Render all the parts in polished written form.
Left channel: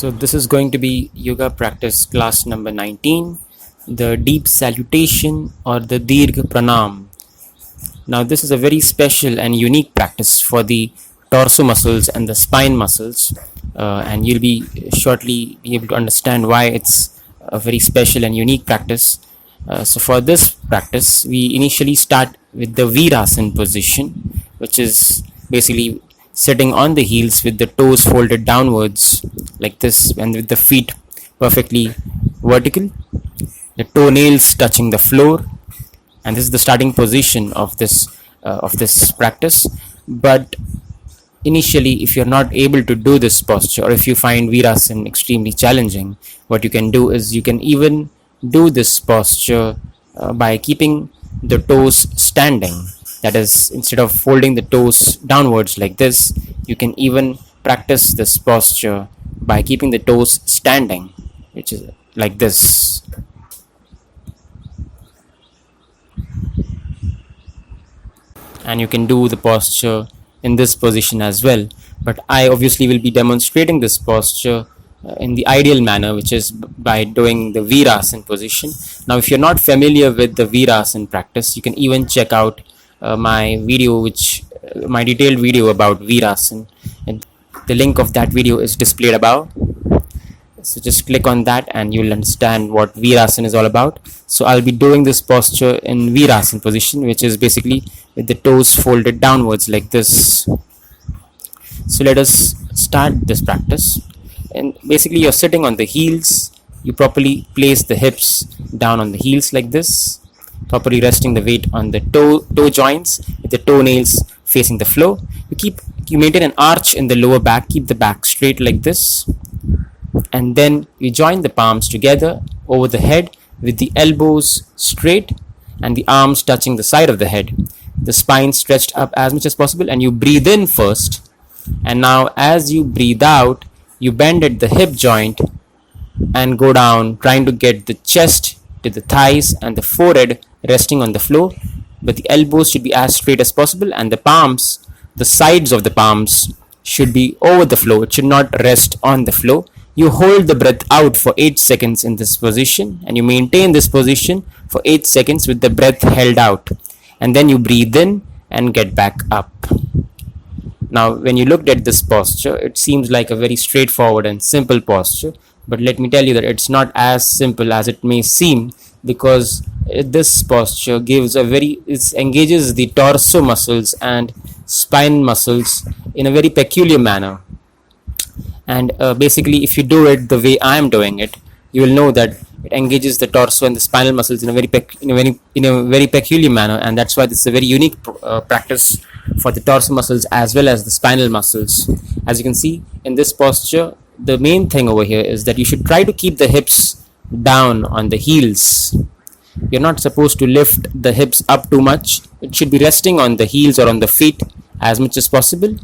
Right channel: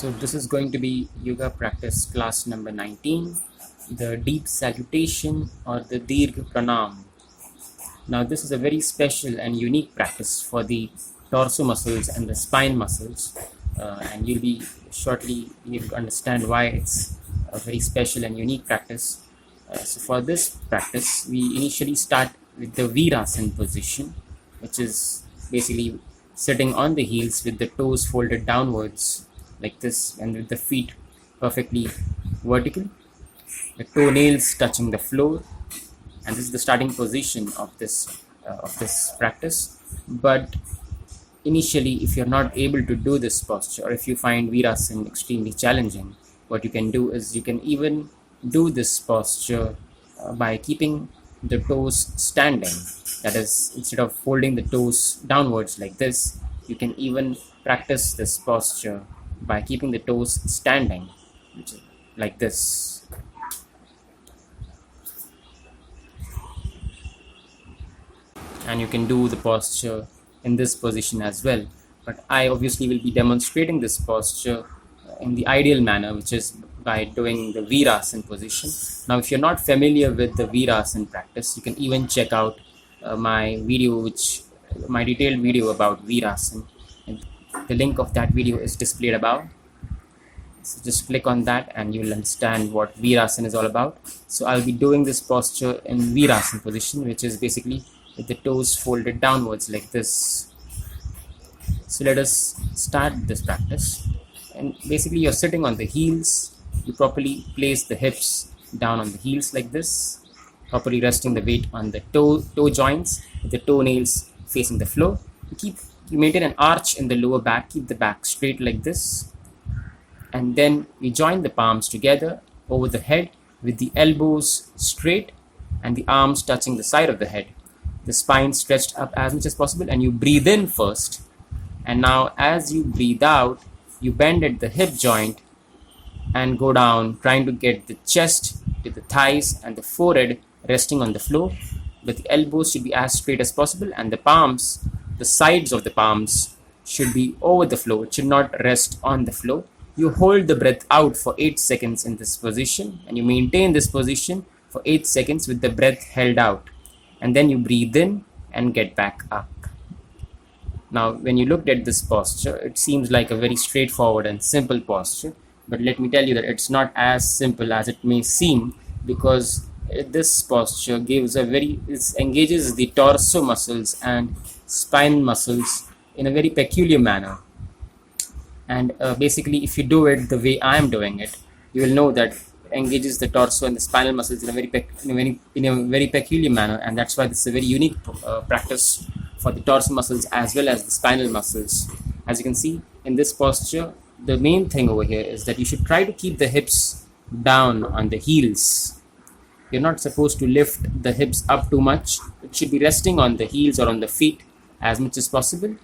So this is going to be yoga practice class number 19, the deep salutation or the Dirgha Pranam. Now this is a very special and unique practice for the torso muscles and the spine muscles, and you'll be shortly be able to understand why it's a very special and unique practice. So for this practice, we initially start with the Virasana position, which is basically sitting on the heels with the toes folded downwards like this and with the feet perfectly vertical, the toenails touching the floor, and this is the starting position of this practice. But initially, if you're not able to do this posture, or if you find Virasana extremely challenging, what you can do is you can even do this posture by keeping the toes standing. That is, instead of folding the toes downwards like this, you can even practice this posture by keeping the toes standing, which is like this. And you can do the posture in this position as well, but I obviously will be demonstrating this posture in the ideal manner, which is by doing the Virasana position. Now if you're not familiar with the Virasana practice, you can even check out my detailed video about Virasana, and the link of that video is displayed above. So just click on that and you'll understand what Virasana is all about. So I'll be doing this posture in Virasana position, which is basically with the toes folded downwards like this. So let us start this practice. And basically you're sitting on the heels. You properly place the hips down on the heels like this, properly resting the weight on the toe joints with the toenails facing the floor. You maintain an arch in the lower back, keep the back straight like this, and then you join the palms together over the head with the elbows straight and the arms touching the side of the head, the spine stretched up as much as possible, and you breathe in first. And now as you breathe out, you bend at the hip joint and go down, trying to get the chest to the thighs and the forehead resting on the floor, but the elbows should be as straight as possible, and the sides of the palms should be over the floor. It should not rest on the floor. You hold the breath out for 8 seconds in this position, and you maintain this position for 8 seconds with the breath held out, and then you breathe in and get back up. Now when you looked at this posture, it seems like a very straightforward and simple posture, but let me tell you that it's not as simple as it may seem, because this posture it engages the torso muscles and spine muscles in a very peculiar manner. And basically if you do it the way I am doing it, you will know that it engages the torso and the spinal muscles in a very peculiar manner, and that's why this is a very unique practice for the torso muscles as well as the spinal muscles. As you can see in this posture, the main thing over here is that you should try to keep the hips down on the heels. You're not supposed to lift the hips up too much. It should be resting on the heels or on the feet as much as possible,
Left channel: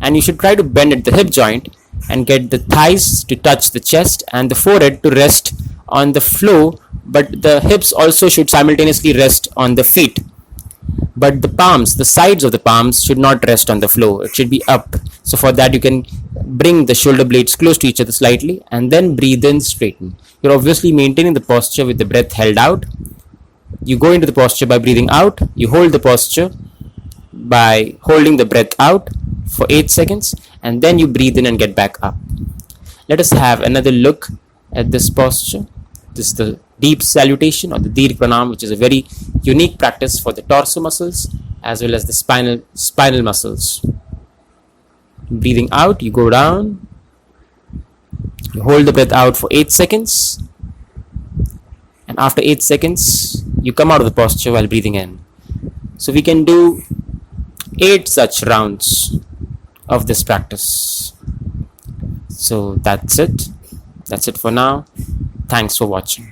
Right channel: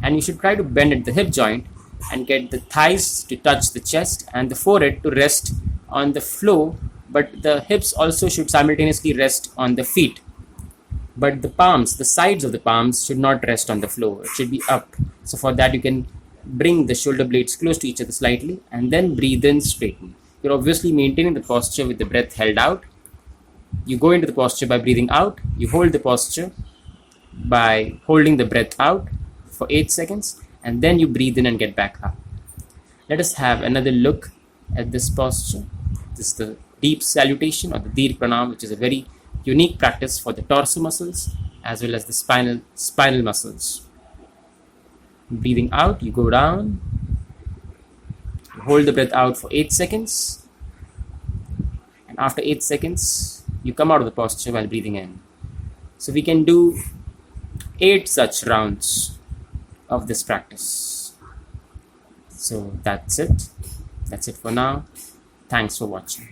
and you should try to bend at the hip joint and get the thighs to touch the chest and the forehead to rest on the floor, but the hips also should simultaneously rest on the feet. But the sides of the palms should not rest on the floor. It should be up. So for that, you can bring the shoulder blades close to each other slightly and then breathe in, straighten. You're obviously maintaining the posture with the breath held out. You go into the posture by breathing out. You hold the posture by holding the breath out for 8 seconds, and then you breathe in and get back up. Let us have another look at this posture. This is the deep salutation or the Dirgha Pranam, which is a very unique practice for the torso muscles as well as the spinal muscles. Breathing out, you go down, you hold the breath out for 8 seconds, and after 8 seconds you come out of the posture while breathing in. So we can do 8 such rounds of this practice. So that's it for now. Thanks for watching.